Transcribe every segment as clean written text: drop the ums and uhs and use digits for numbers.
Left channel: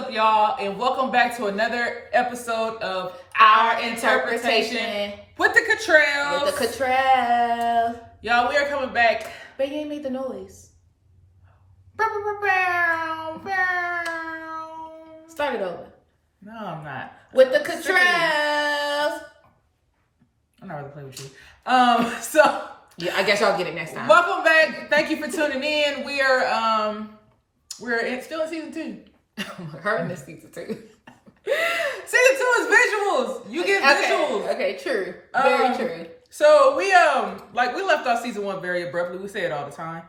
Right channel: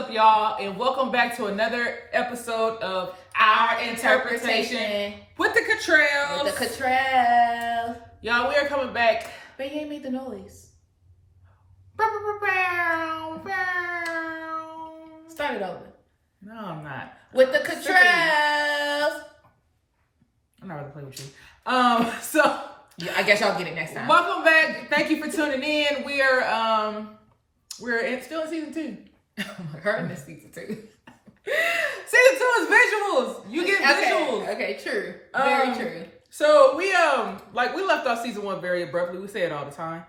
up, y'all? And welcome back to another episode of Our Interpretation with the Cottrells. With the Cottrells. Y'all, we are coming back. But you ain't made the noise. Start it over. No, I'm not. With the Cottrells. I'm not ready to play with you. So yeah, I guess y'all get it next time. Welcome back. Thank you for tuning in. We're still in season 2. Her in this season 2. Season 2 is visuals. You get visuals. Okay, true. Very true. So we left off season 1 very abruptly. We say it all the time.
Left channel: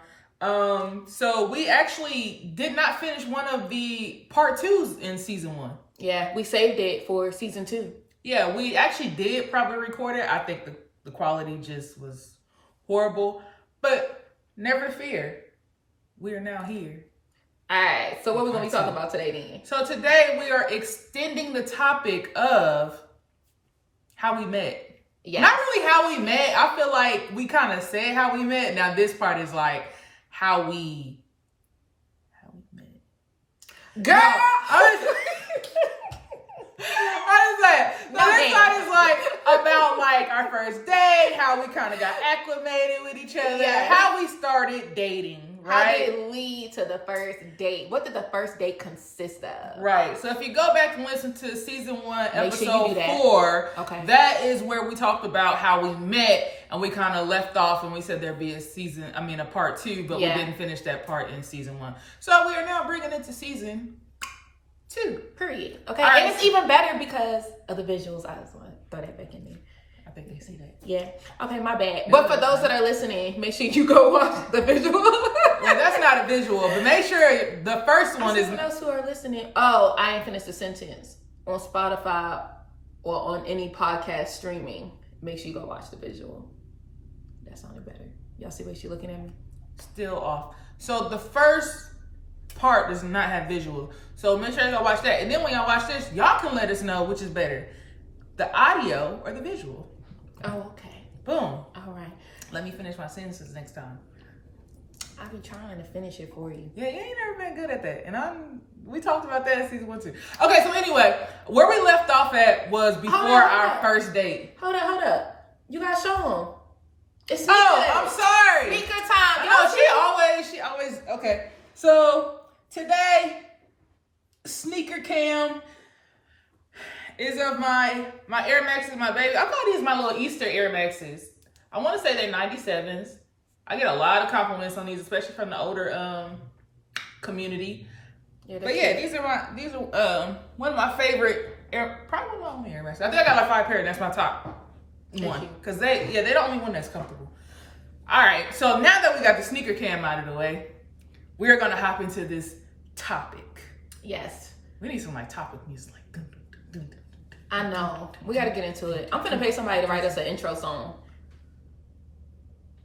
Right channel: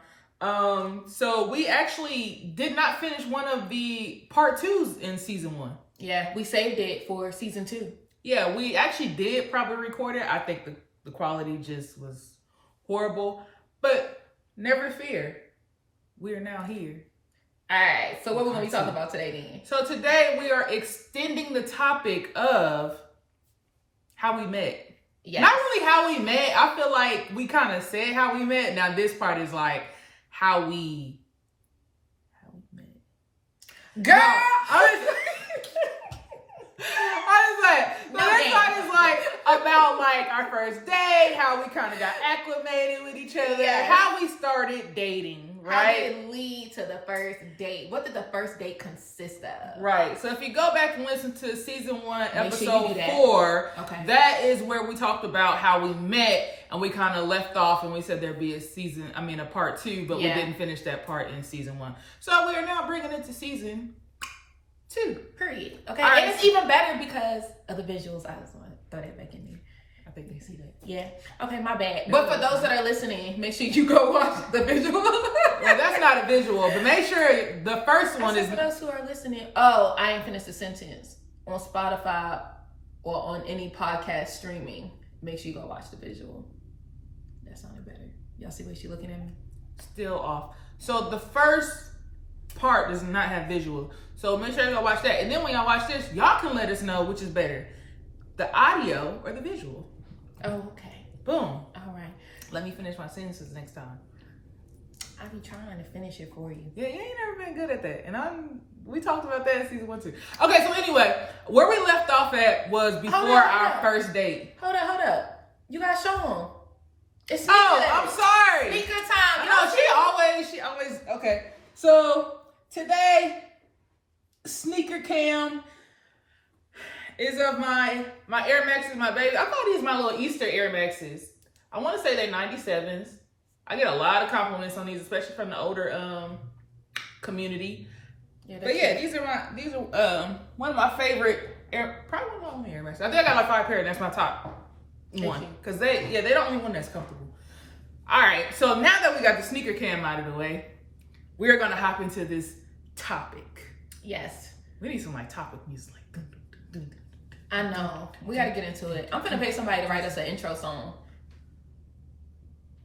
So we actually did not finish one of the part 2s in season 1. Yeah, we saved it for season 2. Yeah, we actually did probably record it. I think the quality just was horrible. But never fear. We are now here. All right, so what we're going to be talking about today then? So today we are extending the topic of how we met. Yes. Not really how we met. I feel like we kind of said how we met. Now this part is like how we met. Girl, no. I was like, so this part is like about like our first date, how we kind of got acclimated with each other, how we started dating, right? How did it lead to the first date? What did the first date consist of? Right. So if you go back and listen to season 1, episode 4, that is where we talked about how we met, and we kind of left off and we said there'd be a part 2, but we didn't finish that part in season 1. So we are now bringing it to season 2. Period. Okay. Right. And it's even better because of the visuals. I just want to throw that back in there. I think they see that. Yeah. Okay, my bad. But for those that are listening, make sure you go watch the visual. Well, that's not a visual, but make sure the first one is. For those who are listening, I ain't finished the sentence. On Spotify or on any podcast streaming, make sure you go watch the visual. That sounded better. Y'all see what she looking at me? Still off. So the first part does not have visual. So make sure you go watch that. And then when y'all watch this, y'all can let us know which is better, the audio or the visual. Oh, okay. Boom. All right. Let me finish my sentences next time. I be trying to finish it for you. Yeah, you ain't never been good at that. And we talked about that in season 1 too. Okay, so anyway, where we left off at was before our first date. Hold up. You gotta show them. It's I'm sorry. Sneaker time. I know, she always, okay. So today, sneaker cam is of my Air Maxes, my baby. I thought these were my little Easter Air Maxes. I want to say they're 97s. I get a lot of compliments on these, especially from the older community. Yeah, but yeah, these are one of my favorite probably one of my only Air Maxes. I think I got like 5 pairs. That's my top one because they're the only one that's comfortable. All right, so now that we got the sneaker cam out of the way, we are gonna hop into this topic. Yes. We need some like topic music, like. Dun, dun, dun, dun, I know. We gotta get into it. I'm gonna pay somebody to write us an intro song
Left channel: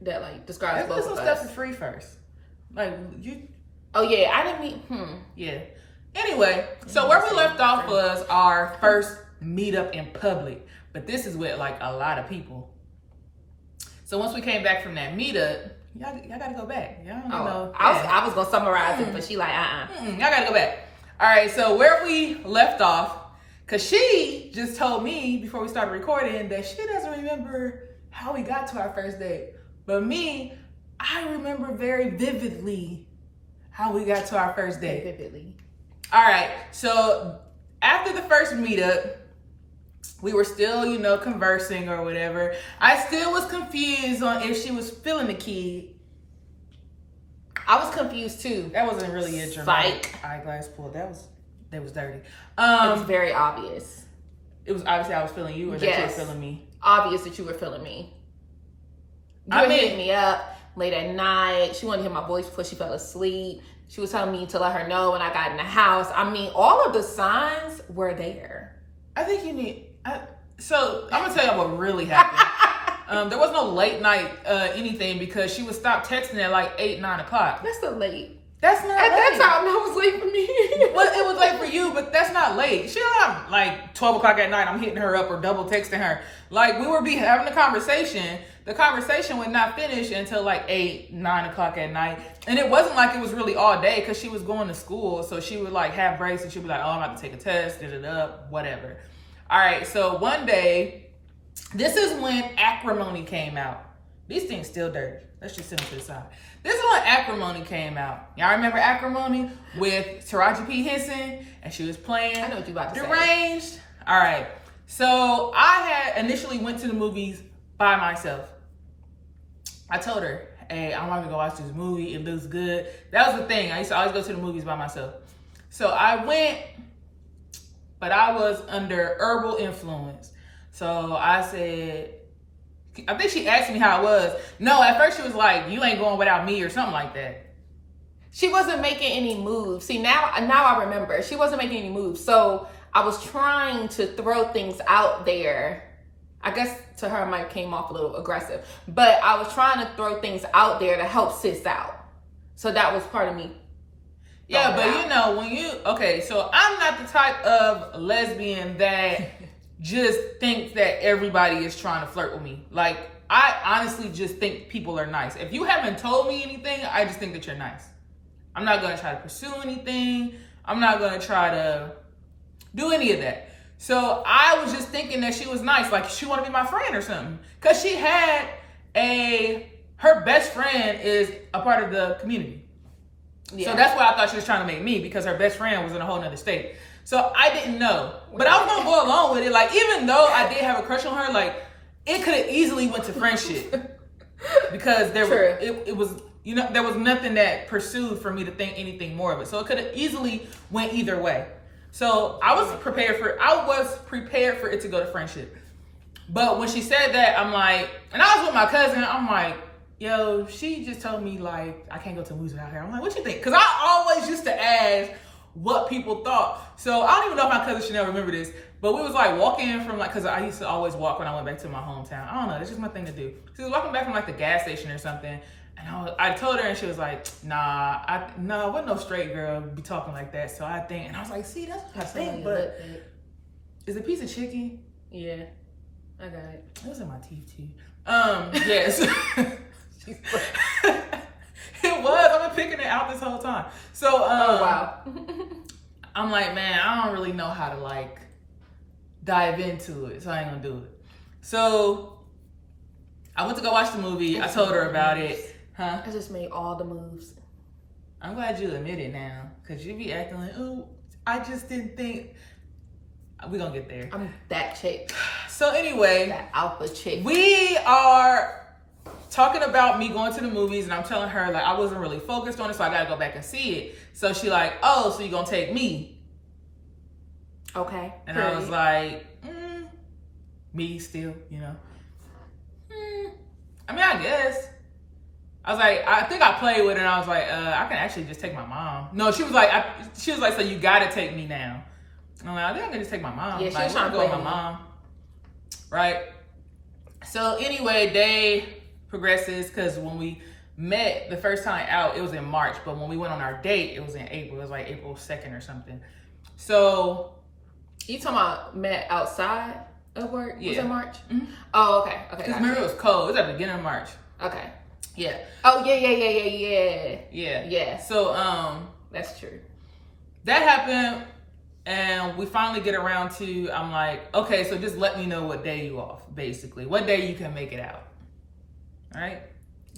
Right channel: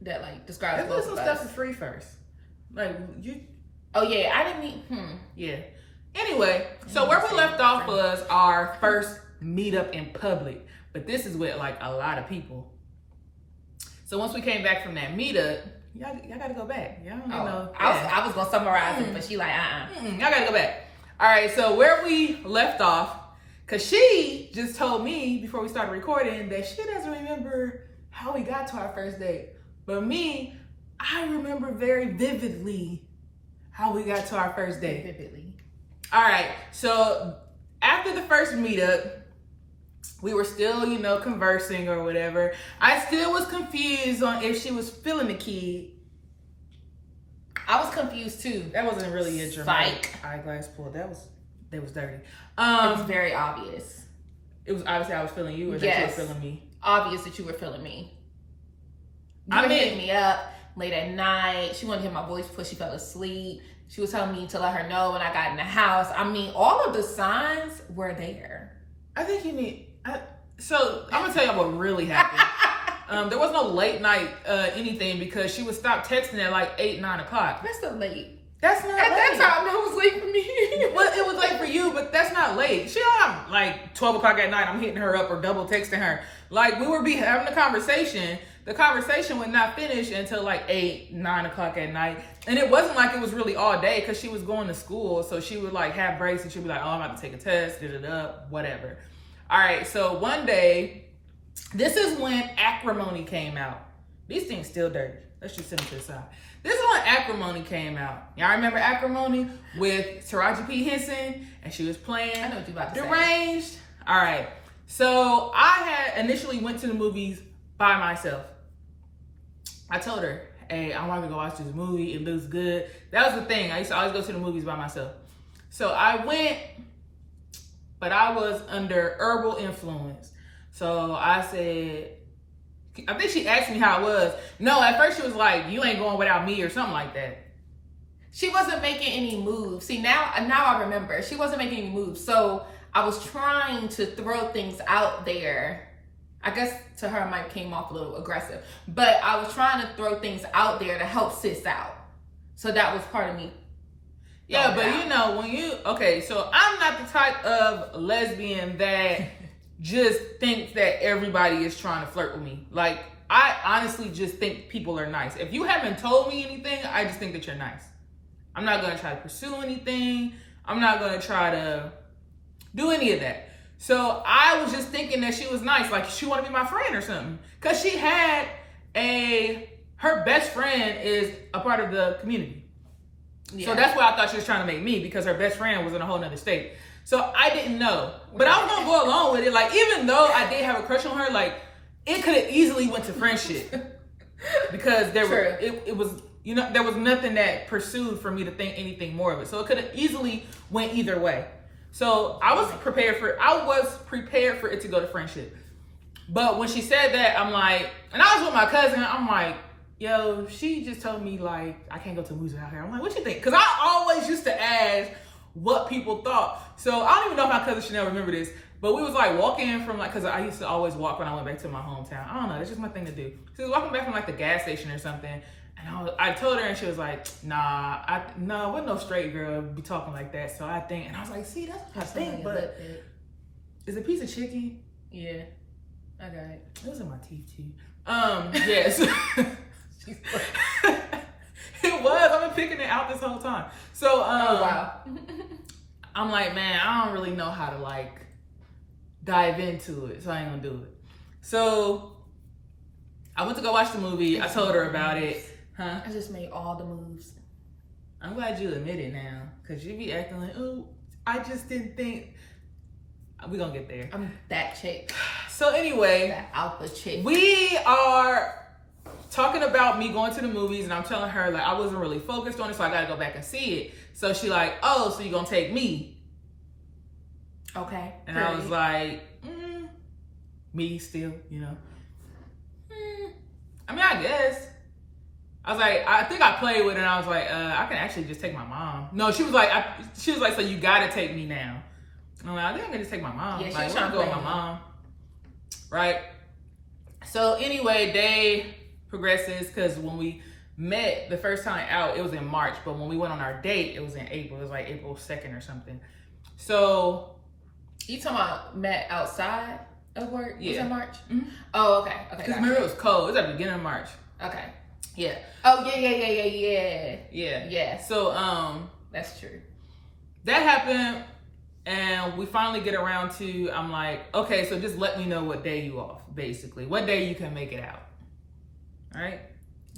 that like describes. Let's do some stuff for free first. Like you. Oh yeah, I didn't mean. Yeah. Anyway, so where we left off was our first meetup in public, but this is with like a lot of people. So once we came back from that meetup. Y'all gotta go back. Y'all don't know. I was gonna summarize it, but she like, Y'all gotta go back. All right, so where we left off, because she just told me before we started recording that she doesn't remember how we got to our first date. But me, I remember very vividly how we got to our first date. Vividly. All right, so after the first meetup, we were still, conversing or whatever. I still was confused on if she was feeling the kid. I was confused too. That wasn't really a dramatic eyeglass pull. That was dirty. It was very obvious. It was obviously I was feeling you or that you were feeling me. Obvious that you were feeling me. You were hitting me up late at night. She wanted to hear my voice before she fell asleep. She was telling me to let her know when I got in the house. I mean, all of the signs were there. I think you need... So I'm gonna tell y'all what really happened. There was no late night anything because she would stop texting at like 8, 9 o'clock. That's so late. That's not at late. that time. That was late for me. Well, it was late for you, but that's not late. She don't have like 12 o'clock at night. I'm hitting her up or double texting her. Like we would be having a conversation. The conversation would not finish until like 8, 9 o'clock at night. And it wasn't like it was really all day because she was going to school. So she would like have breaks and she'd be like, oh, I'm about to take a test, whatever. All right. So one day, this is when Acrimony came out. These things still dirty. Let's just set them to the side. This is when Acrimony came out. Y'all remember Acrimony with Taraji P. Henson? And she was playing I know what you about to Deranged. Say. All right. So I had initially went to the movies by myself. I told her, hey, I want to go watch this movie. It looks good. That was the thing. I used to always go to the movies by myself. So I went, but I was under herbal influence. So I said, I think she asked me how it was. No, at first she was like, you ain't going without me or something like that. She wasn't making any moves. See, now I remember. She wasn't making any moves. So I was trying to throw things out there. I guess to her, it might have came off a little aggressive. But I was trying to throw things out there to help sis out. So that was part of me. Yeah, but you know, okay, so I'm not the type of lesbian that just thinks that everybody is trying to flirt with me. Like, I honestly just think people are nice. If you haven't told me anything, I just think that you're nice. I'm not going to try to pursue anything. I'm not going to try to do any of that. So I was just thinking that she was nice. Like, she wanted to be my friend or something. Because she had her best friend is a part of the community. Yeah. So that's why I thought she was trying to make me, because her best friend was in a whole nother state. So I didn't know, but I was gonna go along with it. Like, even though I did have a crush on her, like, it could have easily went to friendship because it was, you know, there was nothing that pursued for me to think anything more of it. So it could have easily went either way. So I was prepared for it to go to friendship. But when she said that, I'm like, and I was with my cousin, I'm like, yo, she just told me like I can't go to movies out here. I'm like, what you think? Because I always used to ask what people thought. So I don't even know if my cousin Chanel remember this, but we was like walking from like, because I used to always walk when I went back to my hometown. I don't know, that's just my thing to do. She was walking back from like the gas station or something, and I told her, and she was like, nah, wasn't no straight girl be talking like that. So I think, and I was like, see, that's what I think, but is it a piece of chicken? Yeah, I got it. It was in my teeth too. Yes. It was. I've been picking it out this whole time. So, oh wow. I'm like, man, I don't really know how to like dive into it, so I ain't gonna do it. So I went to go watch the movie. I told her about it. Huh? I just made all the moves. I'm glad you admit it now, cause you be acting like, oh, I just didn't think. We're gonna get there. I'm that chick. So anyway, that alpha chick. We are talking about me going to the movies, and I'm telling her like I wasn't really focused on it, so I gotta go back and see it. So she like, oh, so you gonna take me? Okay. And I was like, me still, you know. I mean, I guess. I was like, I think I played with it, and I was like, I can actually just take my mom. No, she was like, so you gotta take me now. And I'm like, I think I can just take my mom. Yeah, like, I'm going with my mom, right? So anyway, day progresses, because when we met the first time out, it was in March, but when we went on our date, it was in April. It was like April 2nd or something. So you talking about met outside of work? Yeah. Was it March? Mm-hmm. Oh, okay. Because remember, it was cold. It was at the beginning of March. Okay. Yeah. Oh yeah. Yeah. So that's true. That happened, and we finally get around to, I'm like, okay, so just let me know what day you off, basically. What day you can make it out. All right?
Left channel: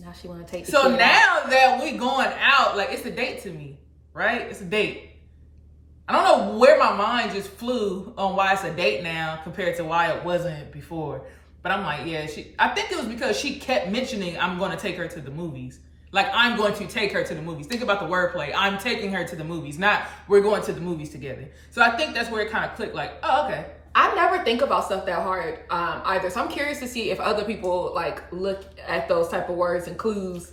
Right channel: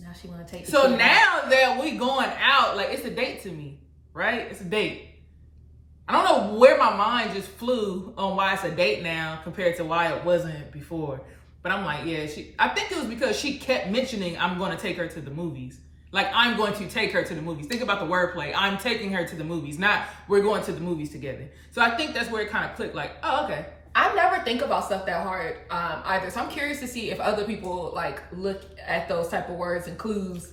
Now she want to take the So now that we going out, like, it's a date to me, right? It's a date. I don't know where my mind just flew on why it's a date now compared to why it wasn't before. But I'm like, yeah, I think it was because she kept mentioning I'm going to take her to the movies. Like, I'm going to take her to the movies. Think about the wordplay. I'm taking her to the movies, not we're going to the movies together. So I think that's where it kind of clicked, like, oh, okay. I never think about stuff that hard either. So I'm curious to see if other people like look at those type of words and clues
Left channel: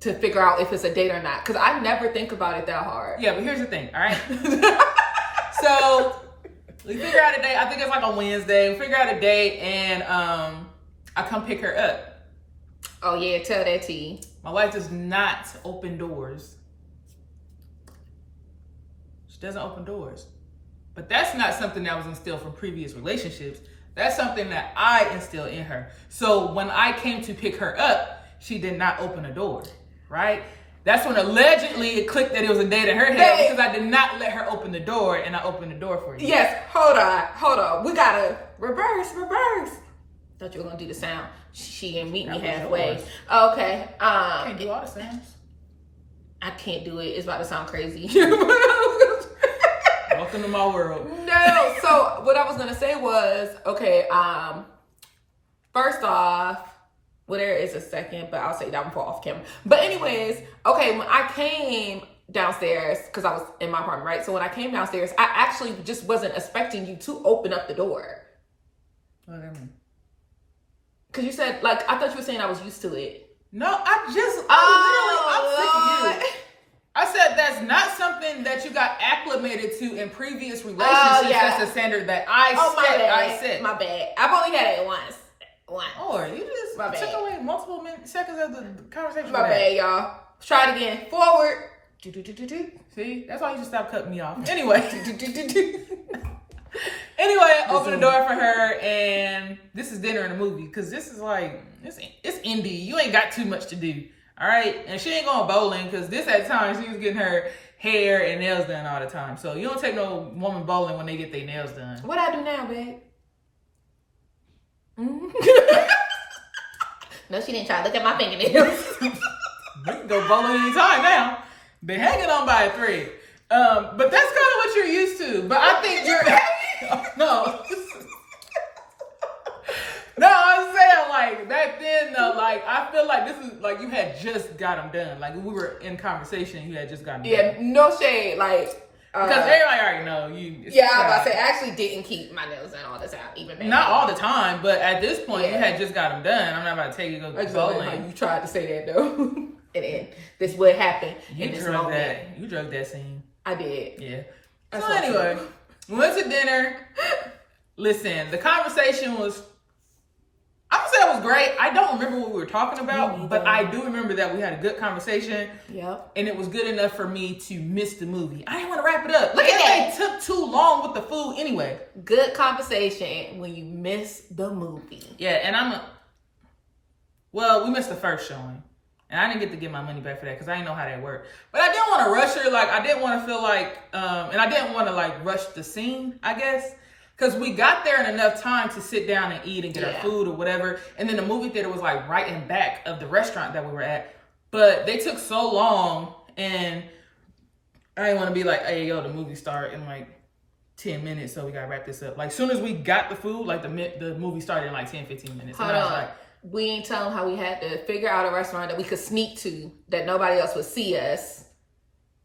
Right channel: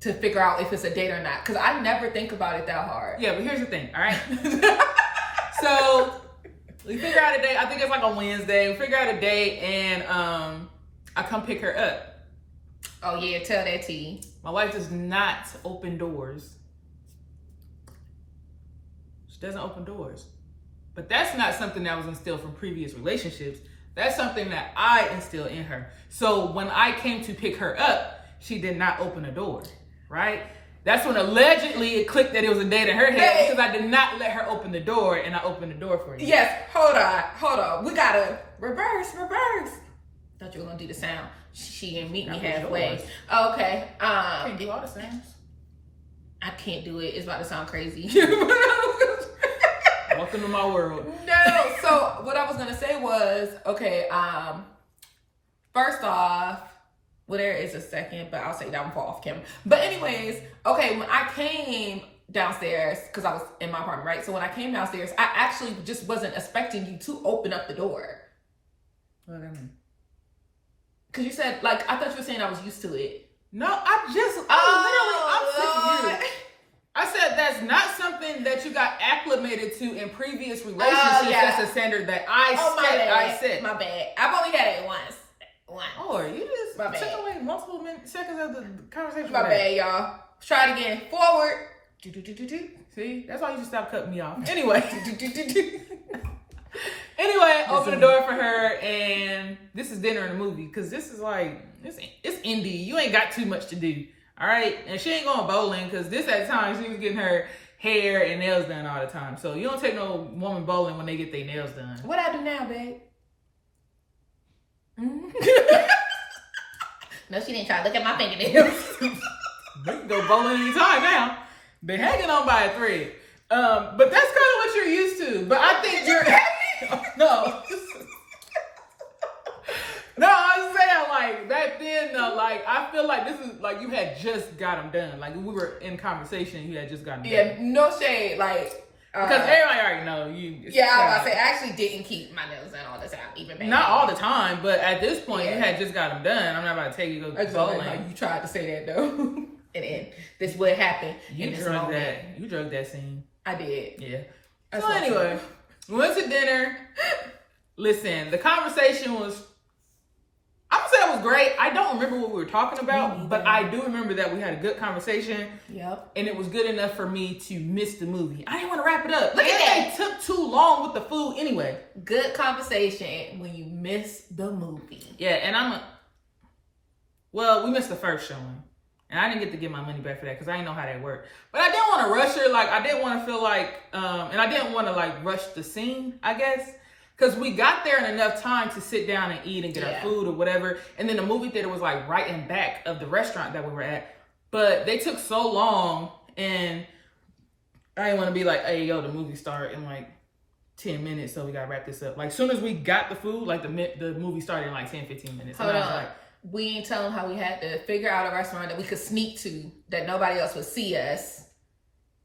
to figure out if it's a date or not. Because I never think about it that hard. Yeah, but here's the thing, all right? So we figure out a day. I think it's like on Wednesday. We figure out a day, and I come pick her up. Oh yeah, tell that T. My wife does not open doors. She doesn't open doors. But that's not something that was instilled from previous relationships. That's something that I instilled in her. So when I came to pick her up, she did not open the door, right? That's when allegedly it clicked that it was a date in her head because I did not let her open the door, and I opened the door for you. Yes, hold on. We gotta reverse. Thought you were gonna do the sound. She didn't meet me halfway. Okay. Can't do all the sounds. I can't do it. It's about to sound crazy. Welcome to my world. No. So what I was gonna say was, okay. First off, well, there is a second, but I'll say that one for off camera. But anyways, okay, when I came downstairs, because I was in my apartment, right? So when I came downstairs, I actually just wasn't expecting you to open up the door. What do I mean? Because you said, like, I thought you were saying I was used to it. No, I'm sick of you. I said that's not something that you got acclimated to in previous relationships. That's a standard that I set. My bad. I've only had it once. Or you just took away multiple seconds of the conversation. My bad, y'all. Let's try it again. Forward. See, that's why you should stop cutting me off. Anyway. Anyway, open the door for her, and this is dinner and a movie, because this is like, it's indie. You ain't got too much to do, all right? And she ain't going bowling, because this at times she was getting her hair and nails done all the time. So you don't take no woman bowling when they get their nails done. What I do now, babe? No, she didn't try to look at my fingernails. We can go bowling anytime now. Been hanging on by a thread. But that's kind of what you're used to. But I think you're... No. No, I'm saying, like, back then, though, like, I feel like this is, like, you had just got them done. Like, we were in conversation, you had just gotten them done. Yeah, no shade, like... Because everybody already know you... I was about to say, I actually didn't keep my nails done all the time, even back Not all the time, but at this point, you had just got them done. I'm not about to take you to go bowling. You tried to say that, though. And this is what happened. You drugged that. You drugged that scene. I did. Yeah. So anyway, we went to dinner. Listen, the conversation was... I'm gonna say it was great. I don't remember what we were talking about, but I do remember that we had a good conversation. Yep. And it was good enough for me to miss the movie. I didn't want to wrap it up. Look at that. They took too long with the food anyway. Good conversation when you miss the movie. Yeah, and well, we missed the first showing. And I didn't get to get my money back for that because I didn't know how that worked. But I didn't want to rush her. Like, I didn't want to feel like, and I didn't want to, like, rush the scene, I guess. Because we got there in enough time to sit down and eat and get our food or whatever. And then the movie theater was, like, right in back of the restaurant that we were at. But they took so long, and I didn't want to be like, hey, yo, the movie start in, like, 10 minutes, so we got to wrap this up. Like, as soon as we got the food, like, the movie started in, like, 10, 15 minutes. And I was like... We ain't tell them how we had to figure out a restaurant that we could sneak to, that nobody else would see us,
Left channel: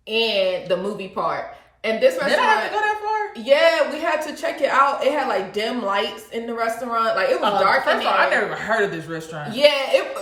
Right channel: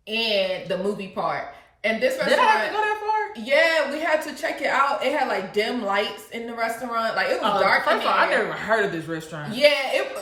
and the movie part. And this restaurant... Did I have to go that far? Yeah, we had to check it out. It had, like, dim lights in the restaurant. Like, it was dark. First of all, I never even heard of this restaurant. Yeah,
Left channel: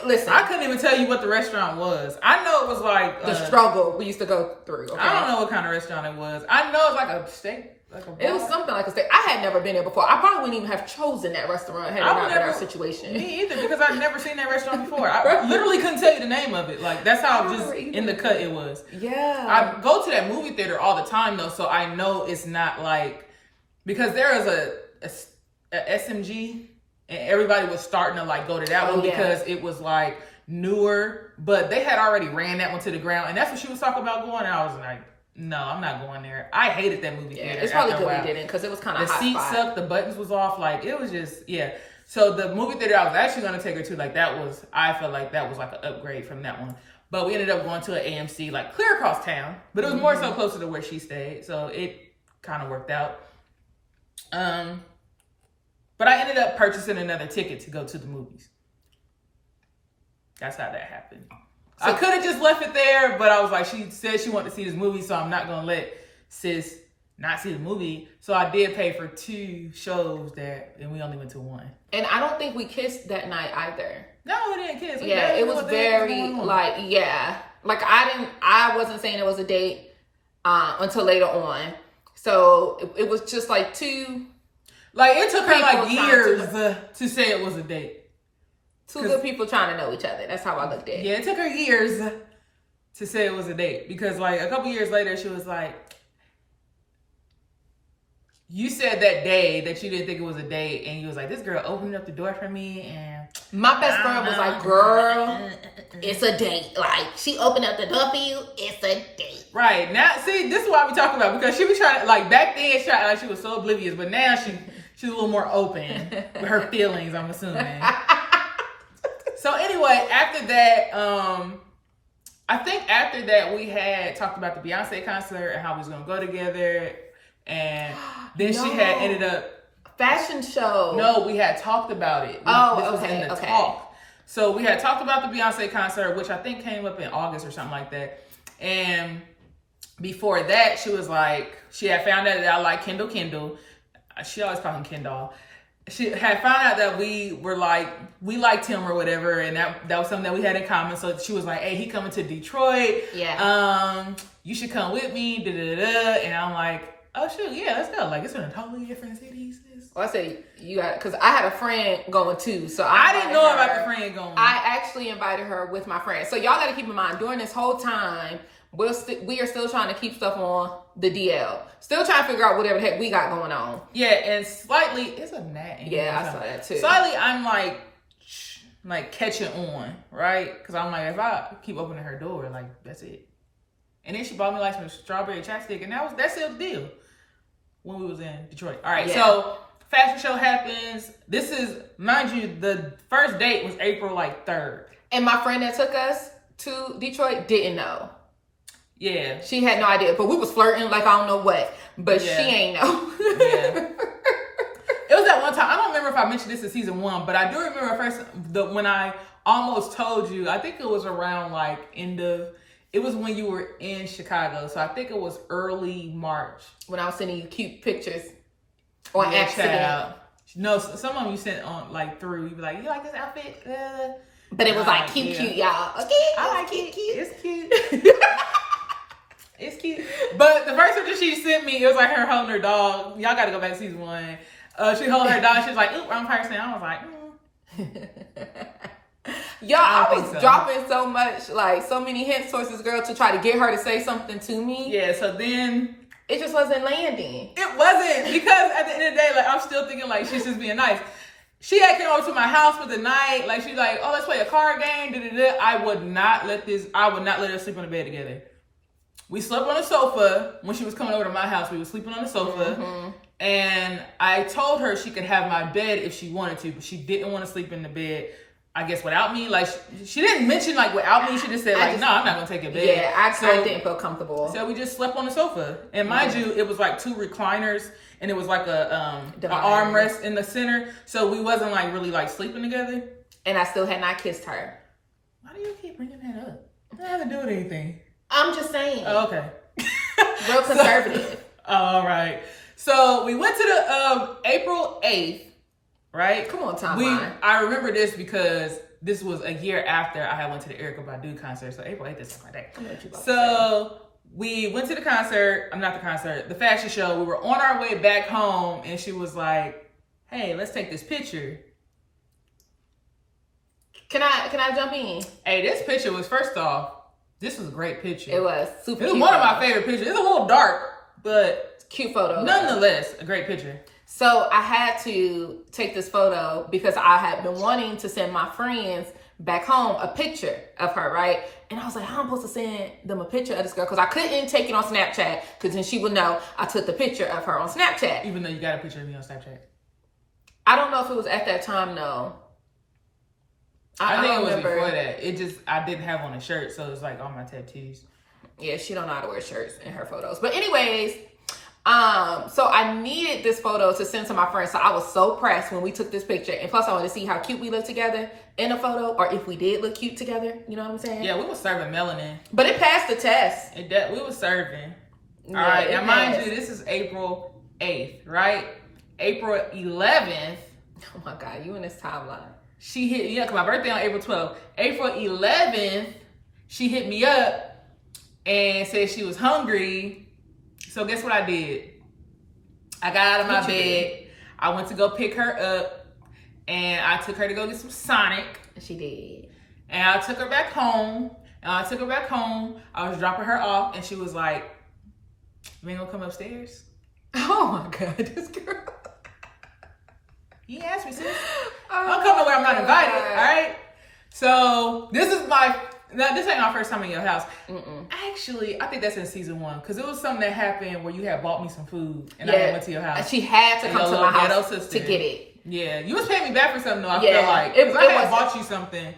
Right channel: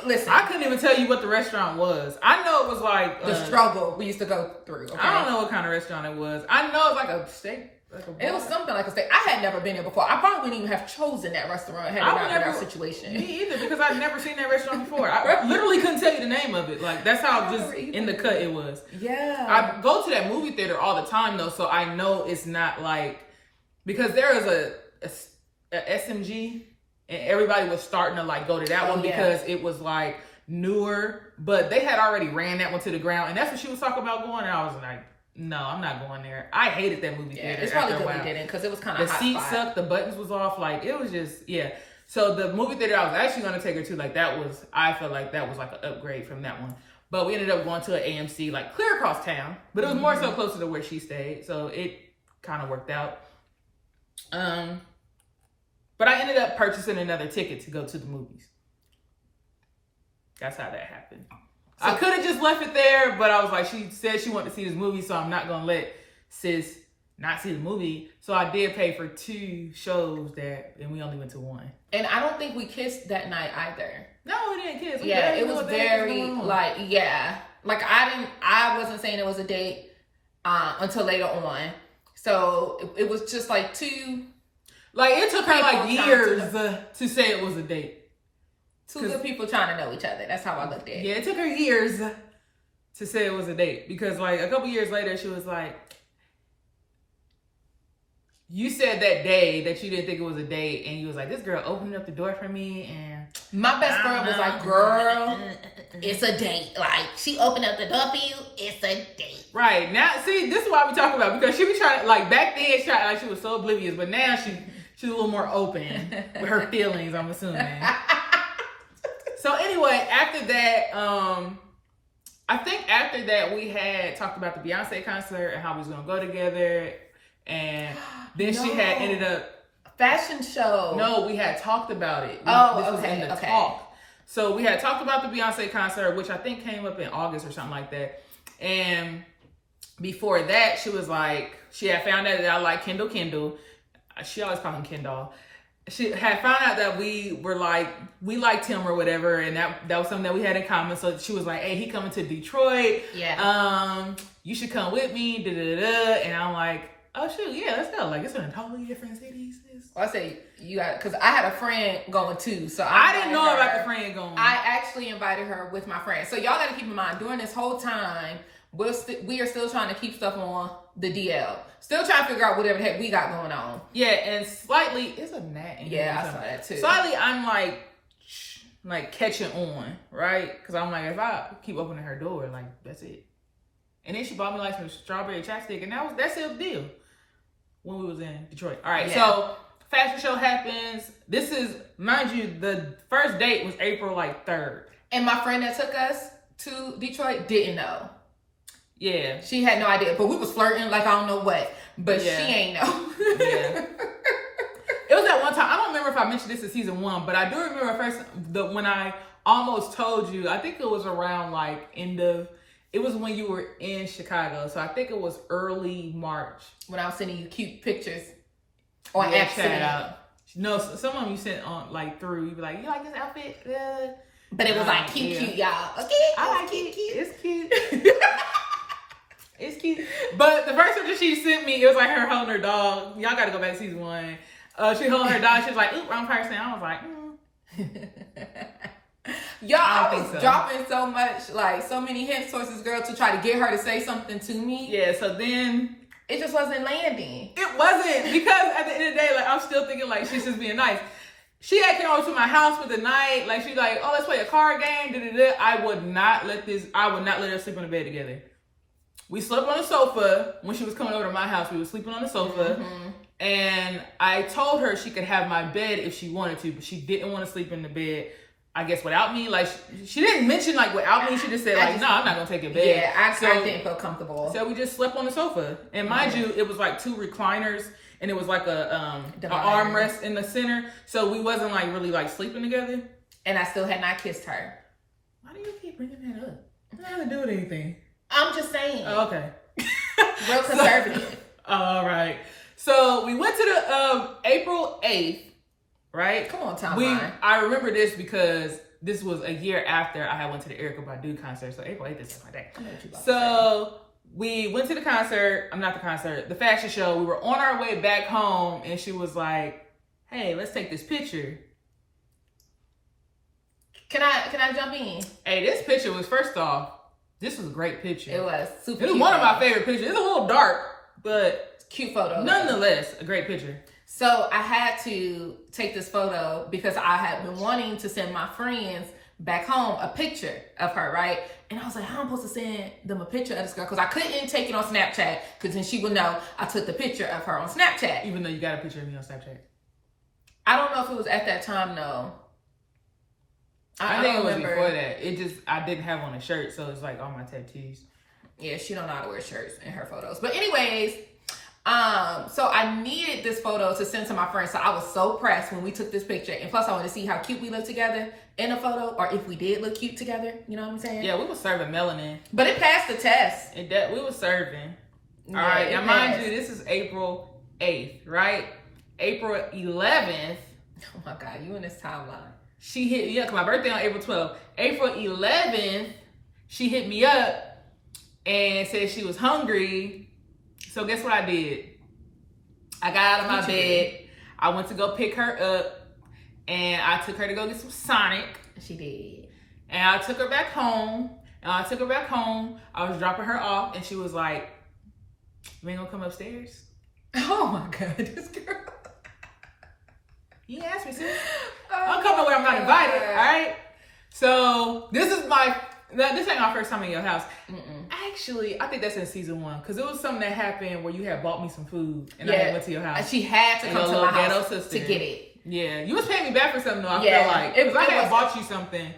listen. I couldn't even tell you what the restaurant was. I know it was, like... the struggle we used to go through. Okay? I don't know what kind of restaurant it was. I know it's like a steak... It was something like a steak. I had never been there before. I probably wouldn't even have chosen that restaurant had it not been our situation. Me either, because I'd never seen that restaurant before. I literally couldn't tell you the name of it. Like, that's how just in the cut it was. Yeah. I go to that movie theater all the time, though, so I know it's not like... Because there is a SMG, and everybody was starting to, like, go to that one because it was, like, newer. But they had already ran that one to the ground, and that's what she was talking about going, and I was like... No, I'm not going there. I hated that movie theater. It's probably good we didn't because it was kind of hot. The seat sucked. The buttons was off. Like, it was just, So the movie theater I was actually going to take her to, like, I felt like that was like an upgrade from that one. But we ended up going to an AMC, like, clear across town. But it was more so closer to where she stayed. So it kind of worked out. But I ended up purchasing another ticket to go to the movies. That's how that happened. So, I could have just left it there, but I was like, she said she wanted to see this movie, so I'm not going to let sis not see the movie. So I did pay for 2 shows and we only went to 1. And I don't think we kissed that night either. No, we didn't kiss. It was very, like, Like, I wasn't saying it was a date until later on. So it was just like 2. Like, it took her, like, years to say it was a date. 2 good people trying to know each other. That's how I looked at it. Yeah, it took her years to say it was a date. Because, like, a couple years later, she was like, You said that day that you didn't think it was a date, and you was like, "This girl opened up the door for me," and my best friend was like, "Girl, it's a date. Like, she opened up the door for you. It's a date." Right now, see, this is what we talk about, because she was trying to, like, back then she tried like she was so oblivious, but now she's a little more open with her feelings, I'm assuming. So anyway, after that, I think after that we had talked about the Beyonce concert and how we was gonna go together. And then she had ended up fashion show. No, we had talked about it. This was in the talk. So we had talked about the Beyonce concert, which I think came up in August or something like that. And before that, she was like, she had found out that I like Kendall. She always called him Kendall. She had found out that we liked him or whatever, and that was something that we had in common. So she was like, "Hey, he coming to Detroit. Yeah. You should come with me." Da da da. And I'm like, "Oh shoot, yeah, let's go." Like, it's in a totally different city. Well, I say you got, because I had a friend going too, so I didn't know about the friend going. I actually invited her with my friend. So y'all got to keep in mind, during this whole time, we are still trying to keep stuff on the DL. Still trying to figure out whatever the heck we got going on. Yeah, and slightly, it's a gnat in here. Yeah, I saw that too. Slightly, I'm like catching on, right? Because I'm like, if I keep opening her door, like, that's it. And then she bought me like some strawberry chapstick, and that's the deal when we was in Detroit. All right, So fashion show happens. This is, mind you, the first date was April 3rd. And my friend that took us to Detroit didn't know. Yeah. She had no idea, but we was flirting like I don't know what, but she ain't know. Yeah. It was that one time, I don't remember if I mentioned this in season 1, but I do remember when I almost told you, I think it was around it was when you were in Chicago. So I think it was early March. When I was sending you cute pictures on accident. Child. No, some of them you sent on through. You be like, "You like this outfit?" But it was cute, y'all. Okay. I like it. It's cute. It's cute. But the first picture she sent me, it was like her holding her dog. Y'all got to go back to season 1. She holding her dog. She was like, "Oop, wrong person." I was like, Y'all, I was dropping so much, so many hint sources, girl, to try to get her to say something to me. Yeah, so then it just wasn't landing. It wasn't, because at the end of the day, I'm still thinking she's just being nice. She had came over to my house for the night. She's like, "Oh, let's play a card game." Da, da, da. I would not let her sleep on the bed together. We slept on the sofa. When she was coming over to my house, we were sleeping on the sofa. Mm-hmm. And I told her she could have my bed if she wanted to, but she didn't want to sleep in the bed, I guess, without me. She didn't mention without me. She just said no, I'm not gonna take your bed. Yeah, I didn't feel comfortable. So we just slept on the sofa. And mind you, it was 2 recliners, and it was an armrest in the center. So we wasn't really sleeping together. And I still had not kissed her. Why do you keep bringing that up? I don't have to do with anything. I'm just saying. Oh, okay. Real conservative. All right. So we went to the April 8th. Right? Come on, timeline. I remember this because this was a year after I had went to the Erykah Badu concert. So April 8th is my day. So we went to the concert. The fashion show. We were on our way back home, and she was like, "Hey, let's take this picture." Can I jump in? Hey, this picture was, first off, this was a great picture. It was super. It was one of my favorite pictures. It's a little dark, but cute photo. Nonetheless, a great picture. So I had to take this photo because I had been wanting to send my friends back home a picture of her, right? And I was like, how am I supposed to send them a picture of this girl? Because I couldn't take it on Snapchat, because then she would know I took the picture of her on Snapchat. Even though you got a picture of me on Snapchat. I don't know if it was at that time, though. I think it was before that. I didn't have on a shirt, so it's all my tattoos. Yeah, she don't know how to wear shirts in her photos. But anyways, so I needed this photo to send to my friends. So I was so pressed when we took this picture. And plus I wanted to see how cute we looked together in a photo, or if we did look cute together. You know what I'm saying? Yeah, we were serving melanin. But it passed the test. We were serving. All right. Now, mind you, this is April 8th, right? April 11th. Oh my God, you in this timeline. She hit me up, because my birthday on April 12th. April 11th, she hit me up and said she was hungry. So guess what I did? I got out of my bed. I went to go pick her up, and I took her to go get some Sonic. She did. And I took her back home. I was dropping her off, and she was like, "You ain't gonna come upstairs?" Oh my God, this girl. You asked me, sis. I'm coming where I'm not invited. All right. So this ain't my first time in your house. Actually, I think that's in season 1 because it was something that happened where you had bought me some food and I had went to your house. And she had to come to my house sister. to get it. Yeah, you was paying me back for something though. I feel like because I had bought you something.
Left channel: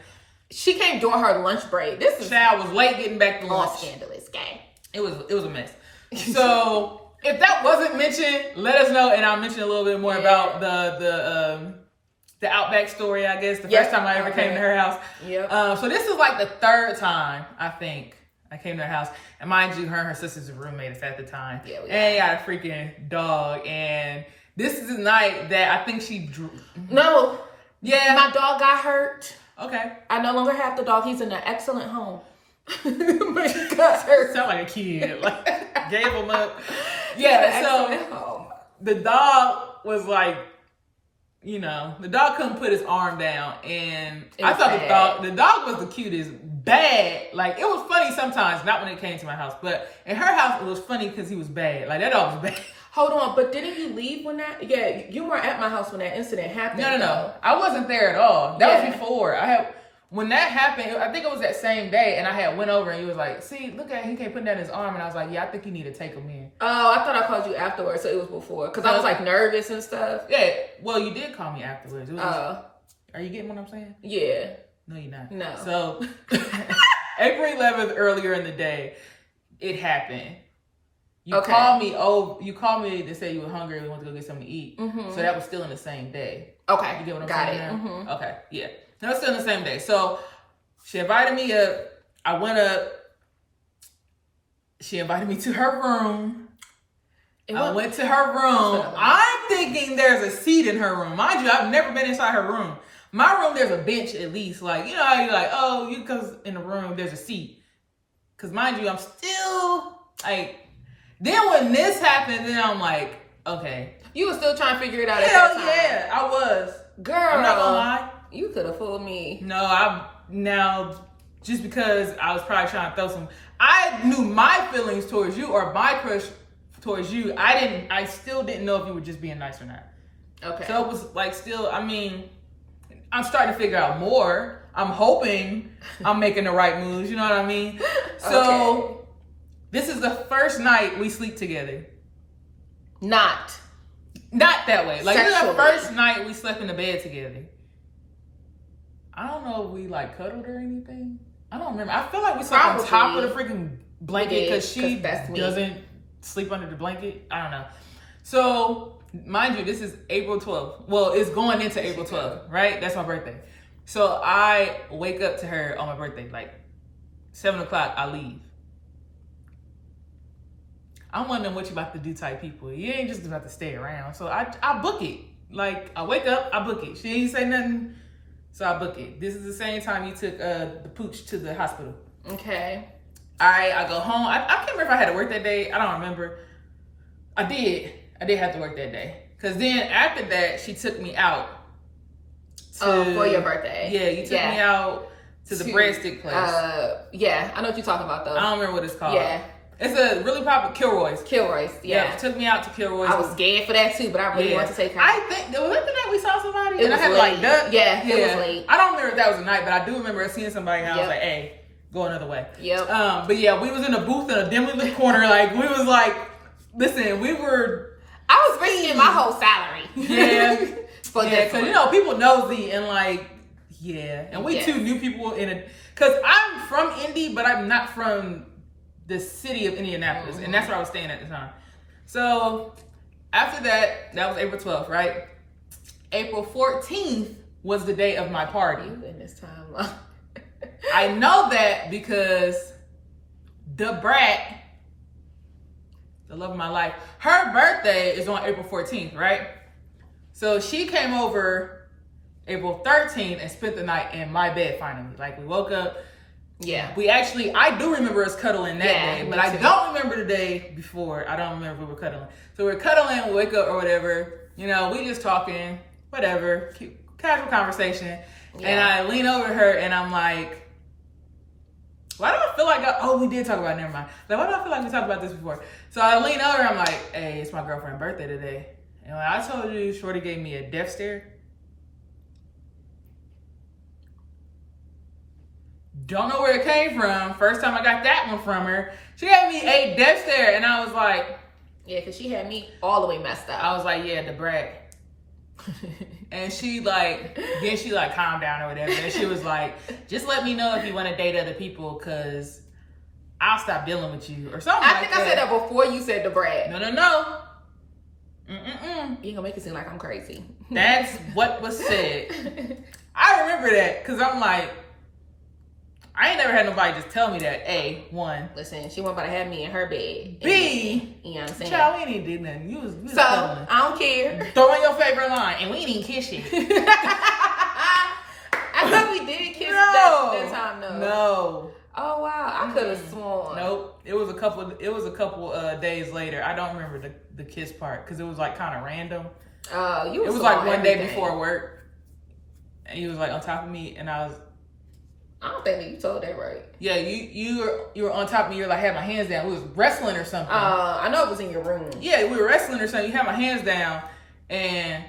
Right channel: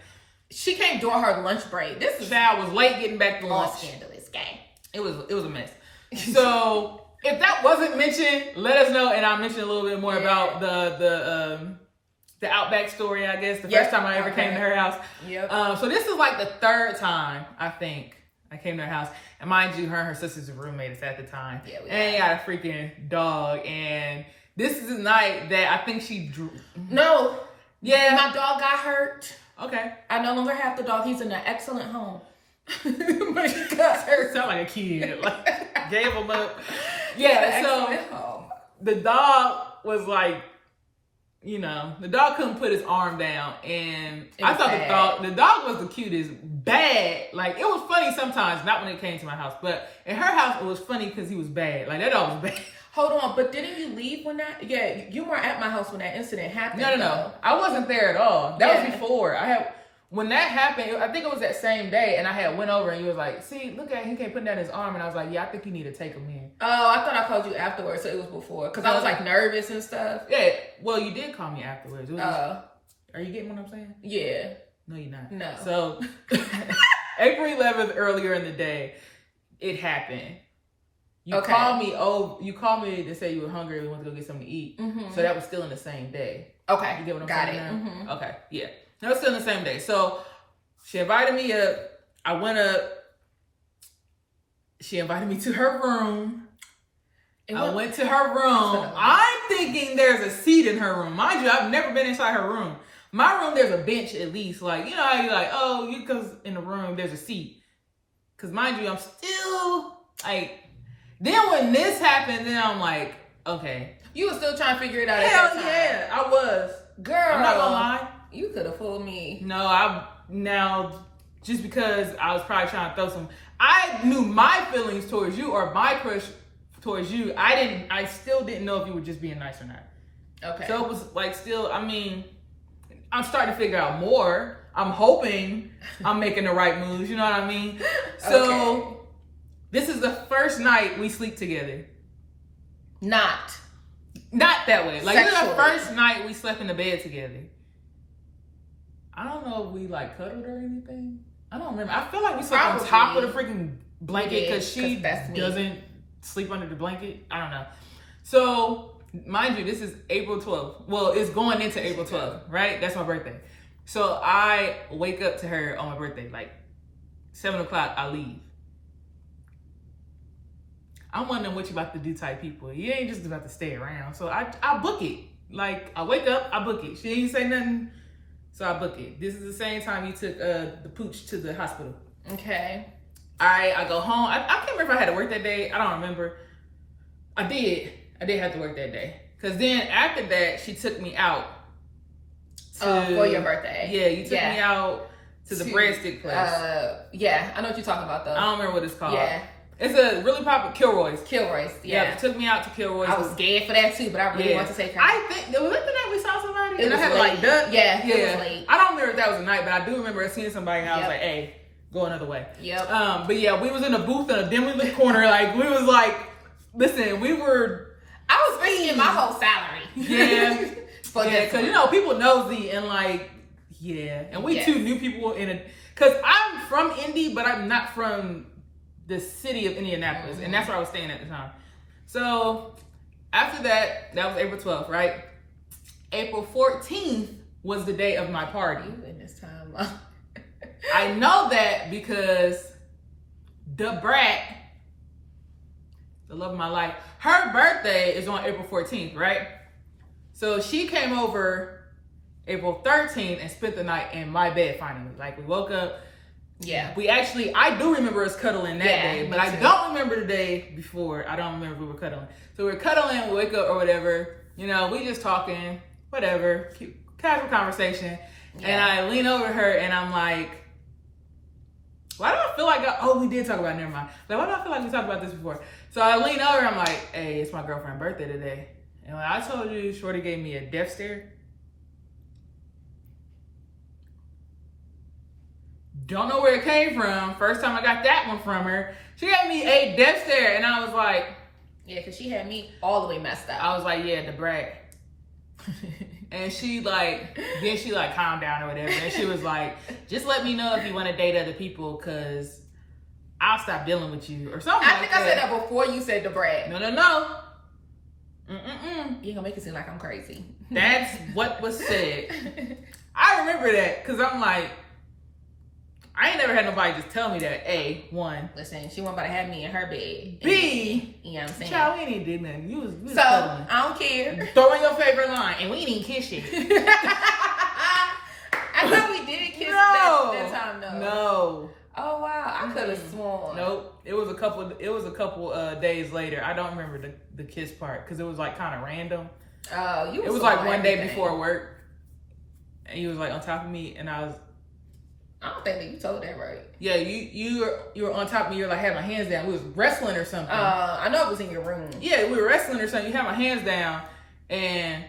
She came during her lunch break. This is child was late getting back to lunch. Scandalous game. It was a mess. So if that wasn't mentioned, let us know and I'll mention a little bit more about the Outback story, I guess. The first time I ever came to her house. Yep. So this is like the 3rd time, I think, I came to her house. And mind you, her and her sister's roommates at the time. Yeah, and they got a freaking dog. And this is the night that I think she drew. No. Yeah. My dog got hurt. Okay. I no longer have the dog. He's in an excellent home. But he got hurt. Sound like a kid. Like, gave him up. Yeah, so the dog was like, you know, the dog couldn't put his arm down, and I thought the dog was the cutest. Bad, like it was funny sometimes, not when it came to my house, but in her house it was funny because he was bad. Like that dog was bad. Hold on, but didn't you leave when that? Yeah, you weren't at my house when that incident happened. No, I wasn't there at all. That was before. When that happened, I think it was that same day, and I had went over and you was like, see, look at him, he can't put down his arm, and I was like, yeah, I think you need to take him in. Oh, I thought I called you afterwards, so it was before, because I was like nervous and stuff. Yeah, well, you did call me afterwards. Are you getting what I'm saying? Yeah. No, you're not. No. So, April 11th, earlier in the day, it happened. You called me. Oh, you called me to say you were hungry and we wanted to go get something to eat. Mm-hmm. So that was still in the same day. Okay. You get what I'm saying now? Mm-hmm. Okay. Yeah. That was still in the same day. So she invited me up. I went up. She invited me to her room. I went to her room. I'm thinking there's a seat in her room. Mind you, I've never been inside her room. My room, there's a bench at least. Like, you know how you're like, oh, you because in the room, there's a seat. Because mind you, I'm still like... Then when this happened, then I'm like, okay. You were still trying to figure it out. Hell yeah, I was. Girl. I'm not gonna lie. You could have fooled me. No, just because I was probably trying to throw some, I knew my feelings towards you or my crush towards you. I still didn't know if you were just being nice or not. Okay. So it was like still, I mean, I'm starting to figure out more. I'm hoping I'm making the right moves, you know what I mean? So this is the first night we sleep together. Not that way. Like this is the first night we slept in the bed together. I don't know if we like cuddled or anything. I don't remember. I feel like we slept on top of the freaking blanket because she doesn't sleep under the blanket. I don't know. So mind you, this is April 12th. Well, it's going into April 12th, right? That's my birthday. So I wake up to her on my birthday, like 7 o'clock, I leave. I'm one of them what you about to do type people. You ain't just about to stay around. So I book it. Like I wake up, I book it. She ain't say nothing. So I book it. This is the same time you took the pooch to the hospital. Okay. All right, I go home. I can't remember if I had to work that day. I don't remember. I did have to work that day. Because then after that, she took me out. For your birthday. Yeah, you took me out to the breadstick place. Yeah, I know what you're talking about though. I don't remember what it's called. Yeah. It's a really popular Kilroy's. Yeah. Yep, took me out to Kilroy's. I was scared for that too, but I really wanted to take her. I think, was that the night we saw somebody? And I had to like duck? Yeah, it was late. I don't remember if that was a night, but I do remember seeing somebody and I was like, hey, go another way. Yep. But yeah, we was in a booth in a dimly lit corner. Like, we was like, listen, we were... I was spending my whole salary. Yeah. Because, you know, people nosy and like, and we two new people in a... Because I'm from Indy, but I'm not from the city of Indianapolis. Mm-hmm. And that's where I was staying at the time. So after that was April 12th, right? April 14th was the day of my party. You in this time. I know that because the brat, the love of my life, her birthday is on April 14th, right? So she came over April 13th and spent the night in my bed finally. Like we woke up. Yeah. I do remember us cuddling that day, but I don't remember the day before. I don't remember if we were cuddling. So we're cuddling, we wake up or whatever. You know, we just talking, whatever, casual conversation. Yeah. And I lean over to her and I'm like, why do I feel like we did talk about it, never mind. Like, why do I feel like we talked about this before? So I lean over, I'm like, hey, it's my girlfriend's birthday today. And when I told you Shorty gave me a death stare, don't know where it came from. First time I got that one from her, she gave me a death stare, and I was like, yeah, because she had me all the way messed up. I was like, yeah, the brat. And she like calmed down or whatever. And she was like, just let me know if you want to date other people, because I'll stop dealing with you or something like that. I said that before you said the brat. No. You ain't gonna make it seem like I'm crazy. That's what was said. I remember that because I'm like, I ain't never had nobody just tell me that. A, one. Listen, she wasn't about to have me in her bed. B, you know what I'm saying? Child, we ain't even did nothing. You was so, cuddling. I don't care. Throw in your favorite line, and we ain't even kiss yet. I thought we did kiss that time, though. No. Oh, wow. I could have sworn. Nope. It was a couple days later. I don't remember the kiss part because it was like kind of random. Oh, It was like one day before work. And he was like on top of me, and I don't think that you told that right. Yeah, you were on top of me. You're like, had my hands down. We was wrestling or something. I know it was in your room. Yeah, we were wrestling or something. You had my hands down, and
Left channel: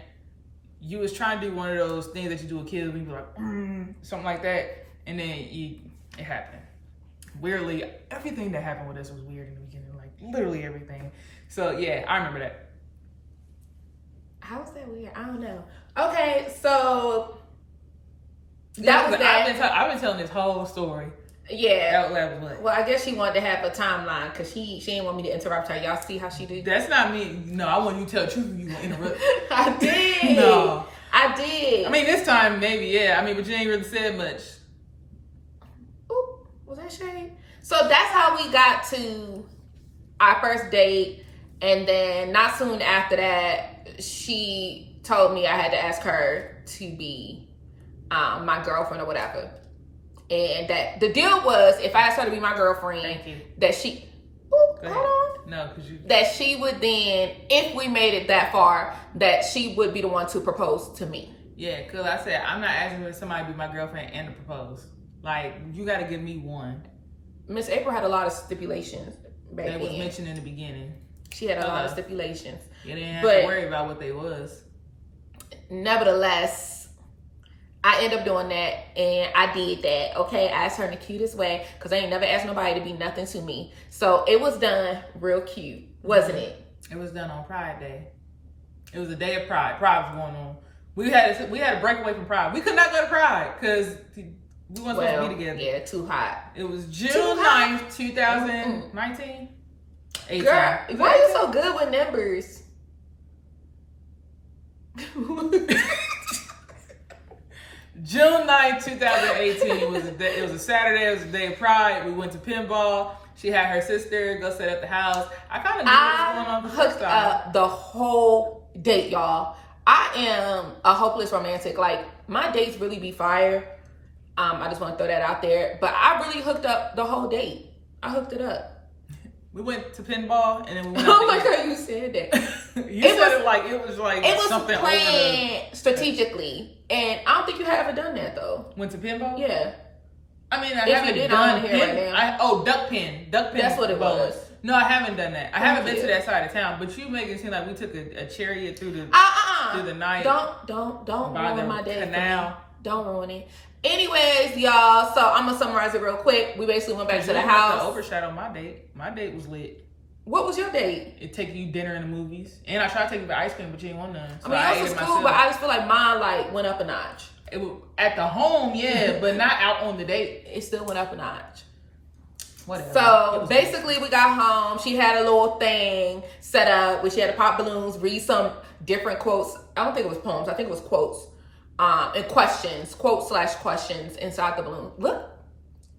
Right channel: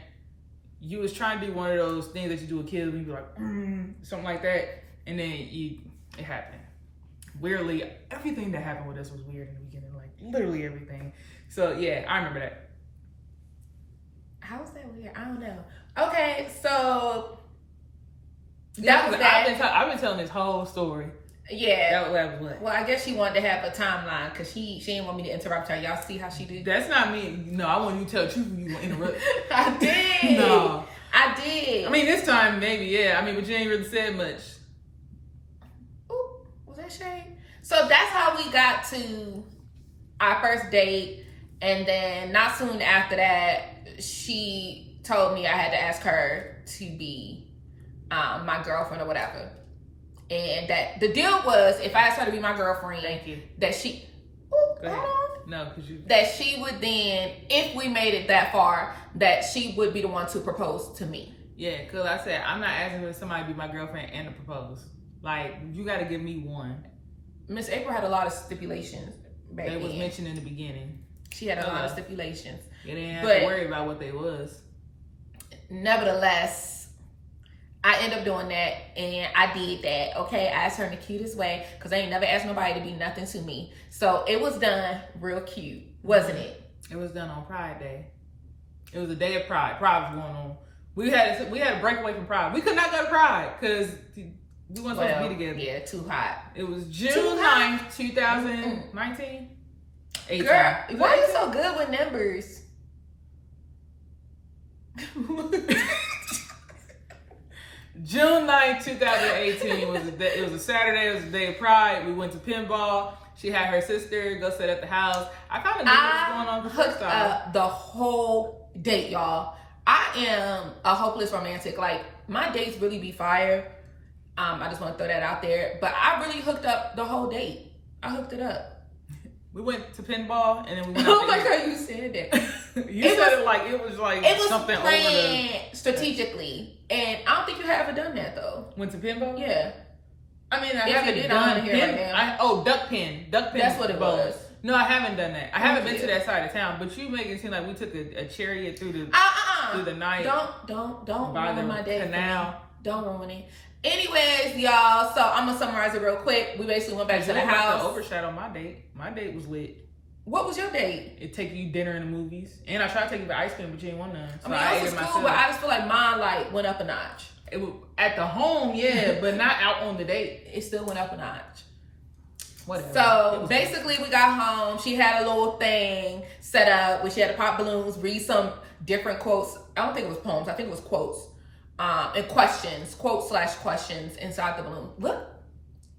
you was trying to do one of those things that you do with kids when you be like, something like that, and then it happened. Weirdly, everything that happened with us was weird in the beginning, like literally everything. So yeah, I remember that. How was that weird? I don't know. Okay, so that was that. I've been telling this whole story. Yeah. That was what? Well, I guess she wanted to have a timeline because she didn't want me to interrupt her. Y'all see how she did? That's not me. No, I want you to tell the truth when you want to interrupt. I did. No. I did. I mean, this time maybe, yeah. I mean, but you ain't really said much. Ooh, was that shade? So that's how we got to our first date. And then not soon after that, she told me I had to ask her to be my girlfriend or whatever. And that the deal was, if I asked her to be my girlfriend, thank you, that she, go ahead. No, because you, that she would then, if we made it that far, that she would be the one to propose to me. Yeah, because I said I'm not asking for somebody to be my girlfriend and to propose. Like, you got to give me one. Miss April had a lot of stipulations back then. They was mentioned in the beginning. She had a lot of stipulations. You didn't have to worry about what they was. Nevertheless, I ended up doing that, and I did that, okay? I asked her in the cutest way, because I ain't never asked nobody to be nothing to me. So it was done real cute, wasn't it? It was done on Pride Day. It was a day of Pride. Pride was going on. We had a breakaway from Pride. We could not go to Pride, because we weren't supposed to be together. Yeah, too hot. It was June 9th, 2019. 18. Girl, why are you so good with numbers? June 9th, 2018 it was a Saturday. It was a day of Pride. We went to pinball. She had her sister go sit at the house. I kind of knew what was going on the first time. The whole date, y'all. I am a hopeless romantic. Like, my dates really be fire. I just want to throw that out there. But I really hooked up the whole date. I hooked it up. We went to pinball, and then we went oh my God, you said that. You said it like it was something over the strategically. And I don't think you have ever done that though. Went to pinball? Yeah. I mean, I haven't done pin. Duck pin. That's what it was. No, I haven't done that. I haven't been to that side of town. But you make it seem like we took a chariot through the night. Don't by ruin the my day. Canal. Don't ruin it. Anyways, y'all, so I'm gonna summarize it real quick. We basically went back to the house. To overshadow my date. My date was lit. What was your date? It take you dinner and the movies, and I tried to take you to ice cream, but you didn't want none. So I mean, it was cool, but I just feel like mine went up a notch. It was at the home, yeah, but not out on the date. It still went up a notch. Whatever. So basically, we got home. She had a little thing set up where she had to pop balloons, read some different quotes. I don't think it was poems. I think it was quotes. And questions, quotes/questions inside the balloon. Look,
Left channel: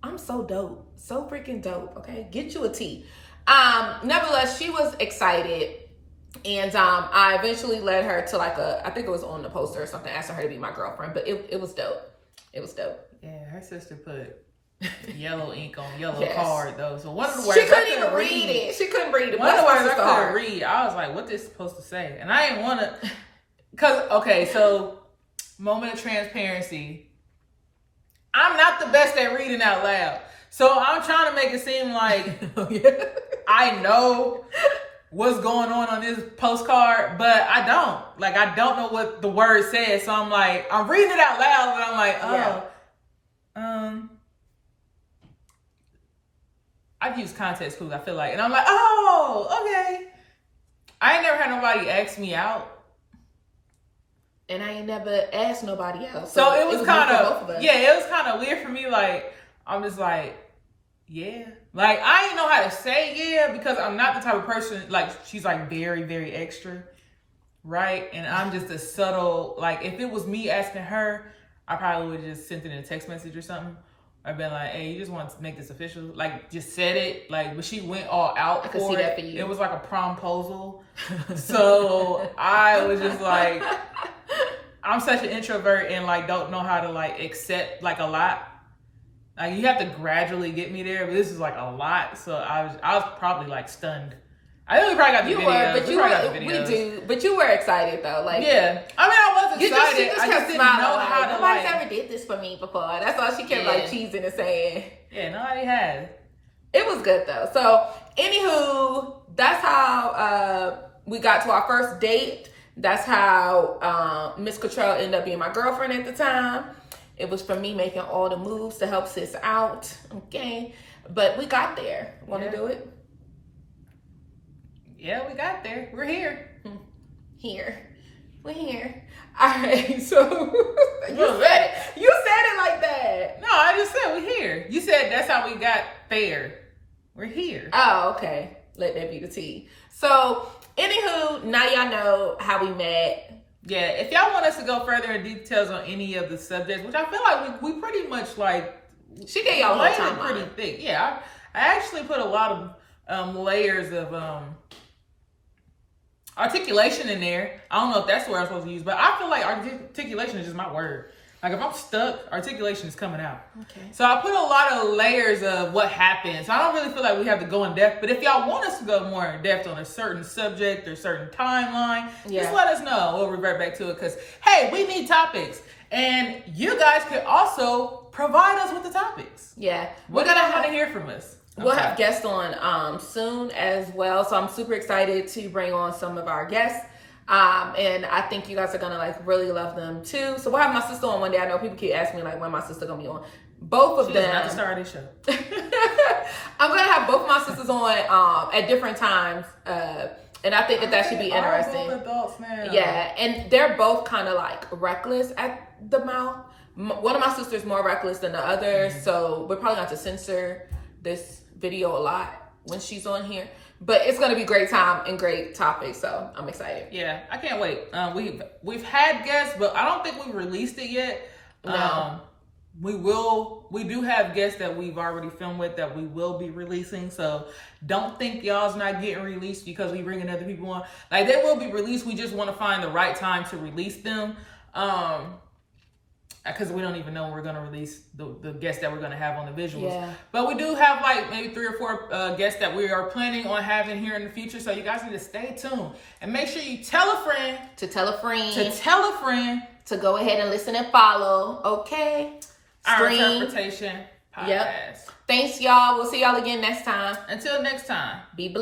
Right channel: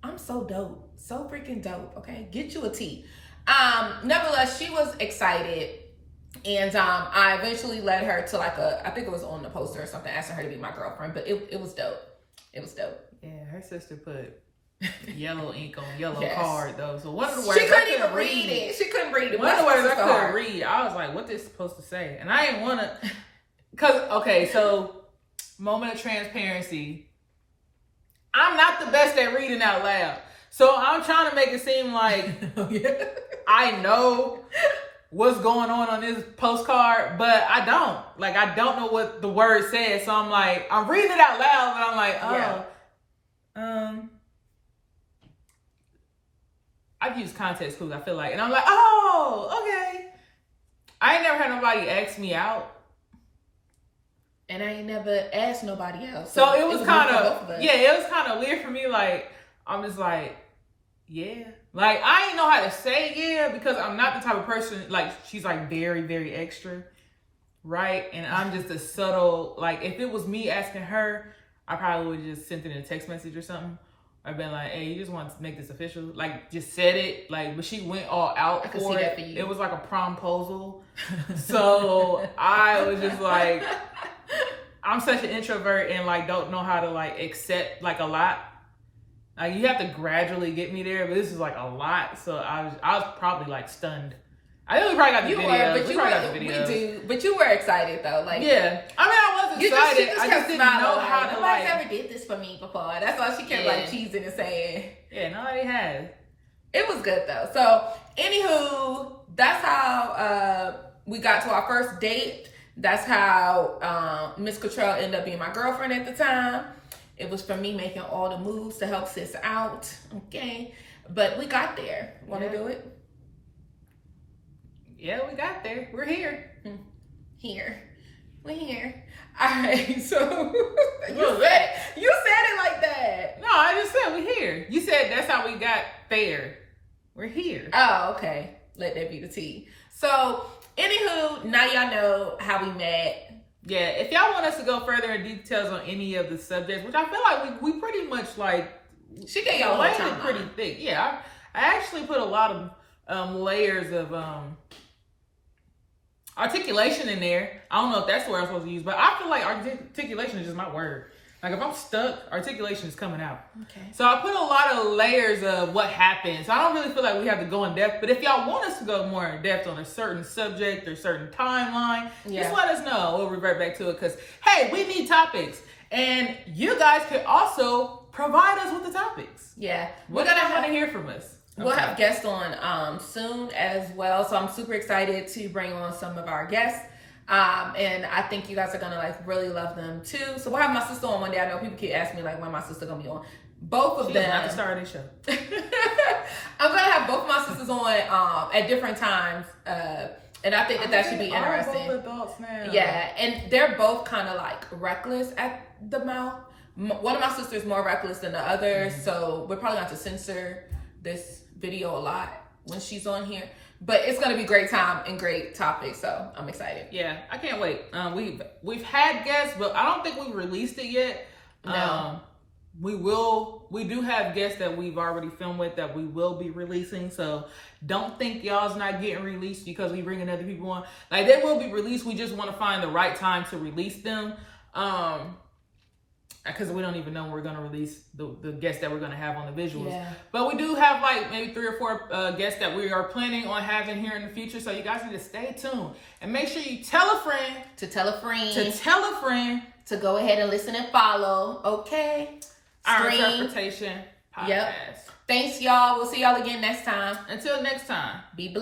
I'm so dope. So freaking dope, okay? Get you a tea. Nevertheless, she was excited. And I eventually led her to I think it was on the poster or something, asking her to be my girlfriend. But it was dope. It was dope. Yeah, her sister put yellow ink on yellow card, though. So one of the words she couldn't even read it. She couldn't read it. One of the words I couldn't read, I was like, what this supposed to say? And I didn't want to... so... Moment of transparency. I'm not the best at reading out loud. So I'm trying to make it seem like I know what's going on this postcard, but I don't. Like, I don't know what the word says. So I'm like, I'm reading it out loud, but I'm like, I've used context clues, I feel like. And I'm like, oh, okay. I ain't never had nobody ask me out. And I ain't never asked nobody else. So it was kind of, it was kind of weird for me. Like, I'm just like, yeah. Like, I didn't know how to say yeah because I'm not the type of person, like, she's like very, very extra, right? And I'm just a subtle, like, if it was me asking her, I probably would have just sent it in a text message or something. I've been like, hey, you just want to make this official? Like, just said it. Like, but she went all out for it. For it was like a promposal. So I was just like, I'm such an introvert and like don't know how to like accept like a lot. Like, you have to gradually get me there, but this is like a lot. So I was probably like stunned. I think we probably got the videos. We do, but you were excited though. Like, yeah, I mean, I was excited. I just didn't know how to like. Nobody's ever did this for me before. That's all she kept like cheesing and saying. Yeah, nobody has. It was good though. So, anywho, that's how we got to our first date. That's how Miss Cottrell ended up being my girlfriend at the time. It was from me making all the moves to help sis out. Okay, but we got there. Want to do it? Yeah, we got there. We're here. We're here. All right, so you said it like that. No, I just said we're here. You said that's how we got there. We're here. Oh, okay. Let that be the tea. So, anywho, now y'all know how we met. Yeah, if y'all want us to go further in details on any of the subjects, which I feel like we pretty much like, she gave y'all laid it pretty thick. Yeah, I actually put a lot of layers of articulation in there. I don't know if that's the word I'm supposed to use, but I feel like articulation is just my word. Like, if I'm stuck, articulation is coming out. Okay. So I put a lot of layers of what happened. So I don't really feel like we have to go in depth. But if y'all want us to go more in depth on a certain subject or certain timeline, just let us know. We'll revert back to it because, hey, we need topics. And you guys could also provide us with the topics. Yeah. What do you want to hear from us? We'll have guests on soon as well. So I'm super excited to bring on some of our guests. And I think you guys are gonna like really love them too. So we'll have my sister on one day. I know people keep asking me like when my sister gonna be on. Both of them. She's not the star of this show. I'm gonna have both my sisters on at different times. And I think that should be interesting. Both adults now. Yeah, and they're both kind of like reckless at the mouth. One of my sisters more reckless than the other, so we're probably going to censor this video a lot when she's on here. But it's gonna be great time and great topics, so I'm excited. Yeah, I can't wait. We've had guests, but I don't think we've released it yet. No. We do have guests that we've already filmed with that we will be releasing. So don't think y'all's not getting released because we bringing other people on. Like, they will be released. We just want to find the right time to release them. Because we don't even know when we're going to release the guests that we're going to have on the visuals. Yeah. But we do have like maybe 3 or 4 guests that we are planning on having here in the future. So you guys need to stay tuned. And make sure you tell a friend. To tell a friend. To tell a friend. To go ahead and listen and follow. Okay. Our Interpretation Podcast. Yep. Thanks, y'all. We'll see y'all again next time. Until next time. Be blessed.